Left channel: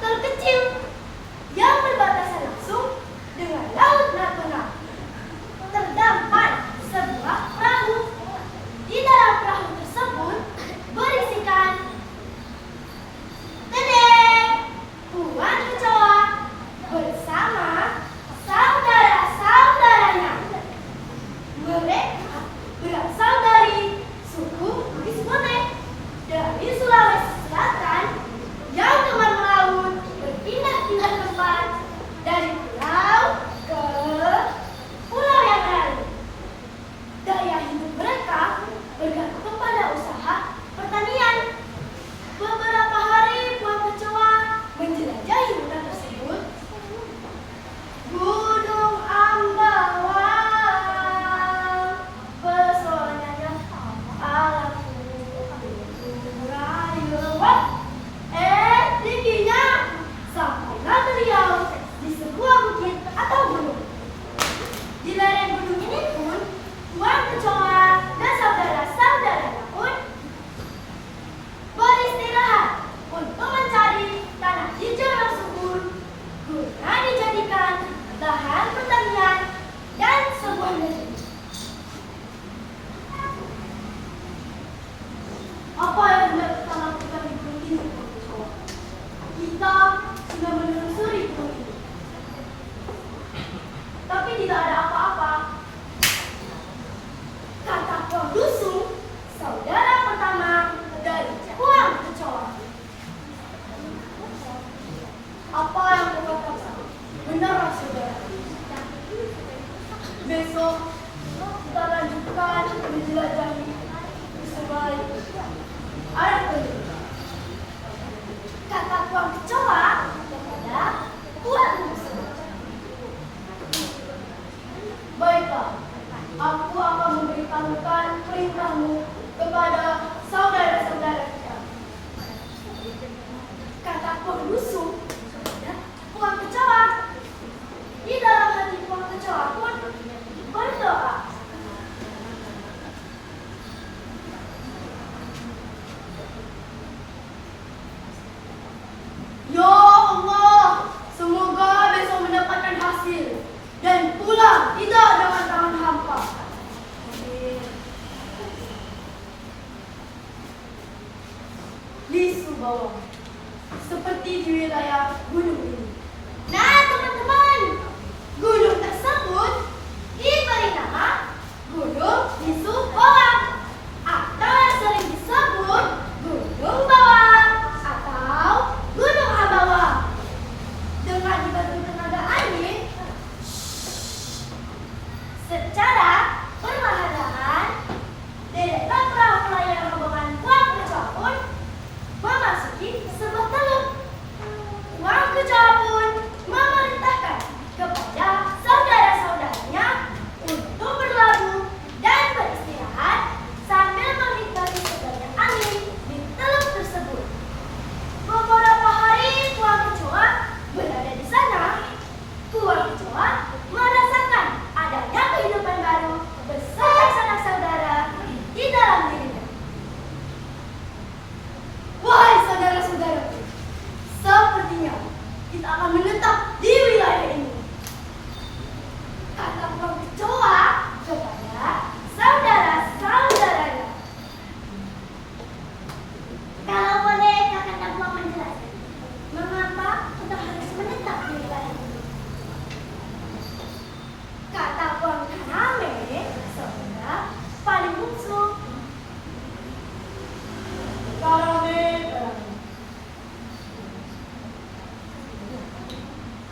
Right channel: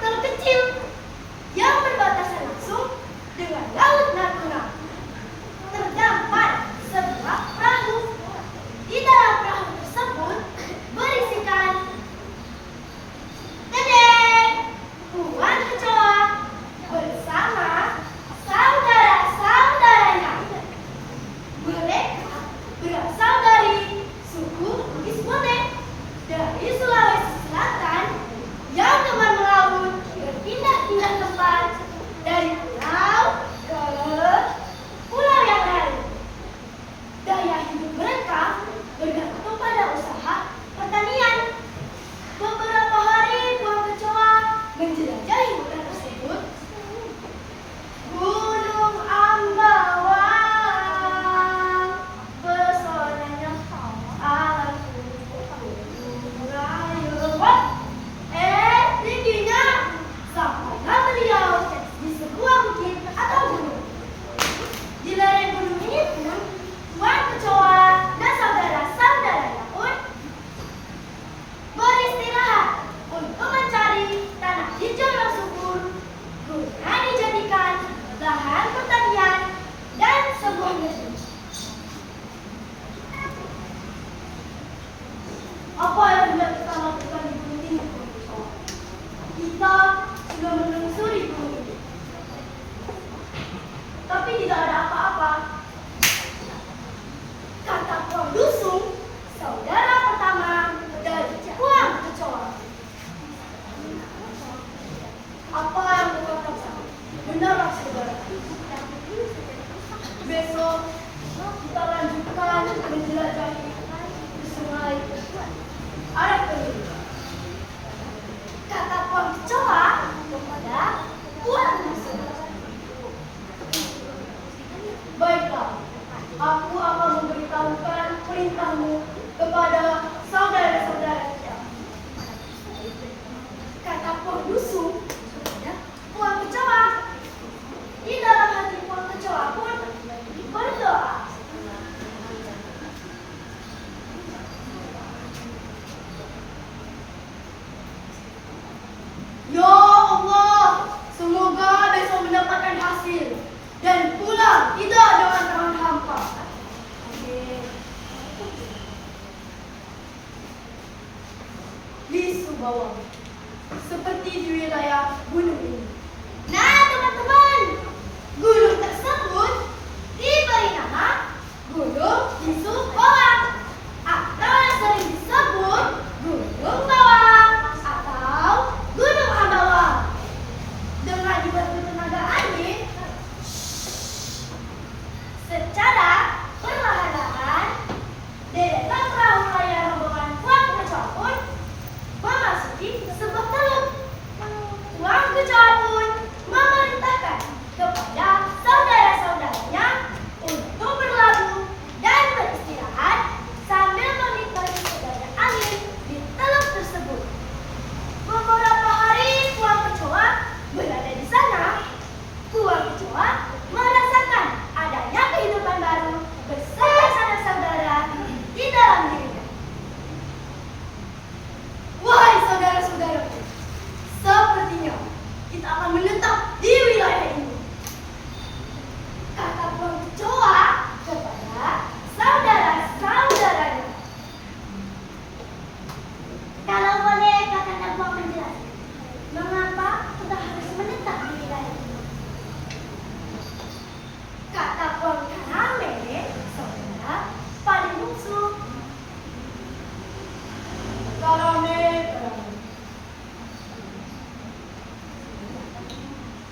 terkecil yang berbatasan langsung dengan Laut Natuna. Terdapat sebuah perahu. Di dalam perahu tersebut berisikan Puan Kecoa bersama saudara-saudaranya. Mereka berasal dari suku Bugis Bote dari Sulawesi Selatan yang gemar melaut berpindah-pindah tempat dari pulau ke pulau yang lain. Gaya hidup mereka bergantung pada usaha pertanian. Beberapa hari Puan Kecoa menjelajahi hutan tersebut. Gunung Ambawang, pesonanya alamku merayu. Tingginya sampailah beliau di sebuah bukit atau gunung. Di lereng gunung ini pun Puan Kecoa dan saudara-saudaranya pun beristirahat untuk mencari tanah hijau yang subur guna dijadikan lahan pertanian dan sebuah negeri. Apa yang hendak kita lakukan di gunung ini? Kita sudah menelusuri gunung ini, tapi tidak ada apa-apa, kata Puan Dusung, saudara pertama dari Puan Kecoa. Apa yang kau katakan benarlah saudara. Besok kita lanjutkan menjelajahi di sungai ada kering, kata Puan Kecoa kepada Puan Dusung. Baiklah, aku akan memberitahukan perintahmu kepada saudara-saudara kita, kata Puan Dusung kepada Puan Kecoa. Di dalam hati Puan Kecoa pun berdoa. Ya Allah, semoga besok mendapatkan hasil dan pulang tidak dengan tangan hampa. Amin. Lisu bawang seperti di wilayah gunung ini. Nah teman-teman, gunung tersebut diberi nama Gunung Lisu Bawang atau yang sering disebut Gunung Bawang atau Gunung Ambawang. Dengan dibantu tenaga angin secara perlahan-lahan, deretan perahu layar rombongan Puan Kecoa pun memasuki sebuah teluk. Puan Kecoa pun memerintahkan kepada saudara-saudaranya untuk berlabuh dan beristirahat sambil menikmati segarnya angin di teluk tersebut. Beberapa hari Puan Kecoa berada di sana. Puan Kecoa merasakan adanya kehidupan baru bersama sanak saudara di dalam dirinya. Wahai saudara-saudaraku, sepertinya kita akan menetap di wilayah ini, kata Puan Kecoa kepada saudara-saudaranya. Kalau boleh kakak Puan menjelaskan, mengapa kita harus menetap di wilayah ini? Kata Puan Kaname, saudara paling bungsu. Kaname,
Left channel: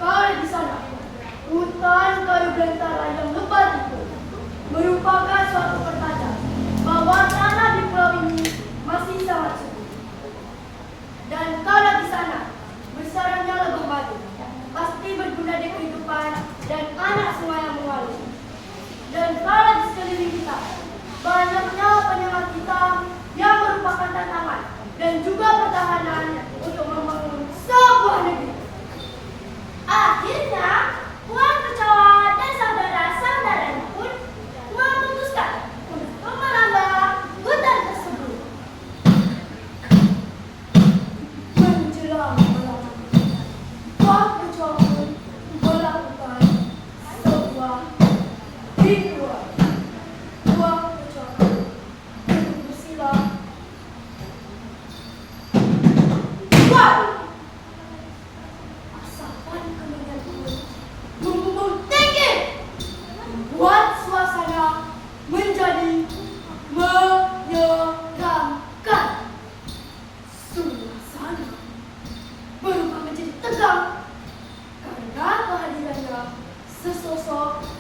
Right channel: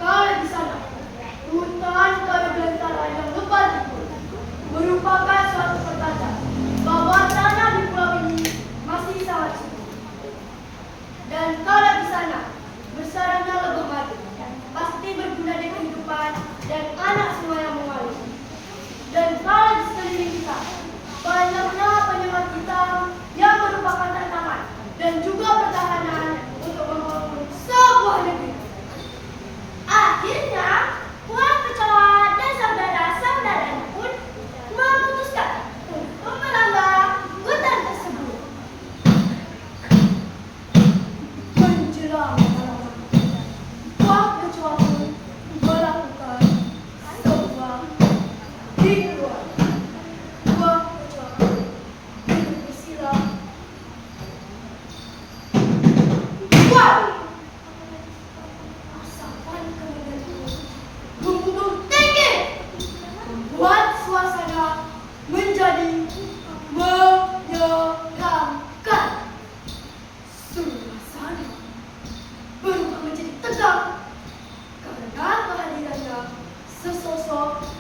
kau sedang karena kehadirannya sesosok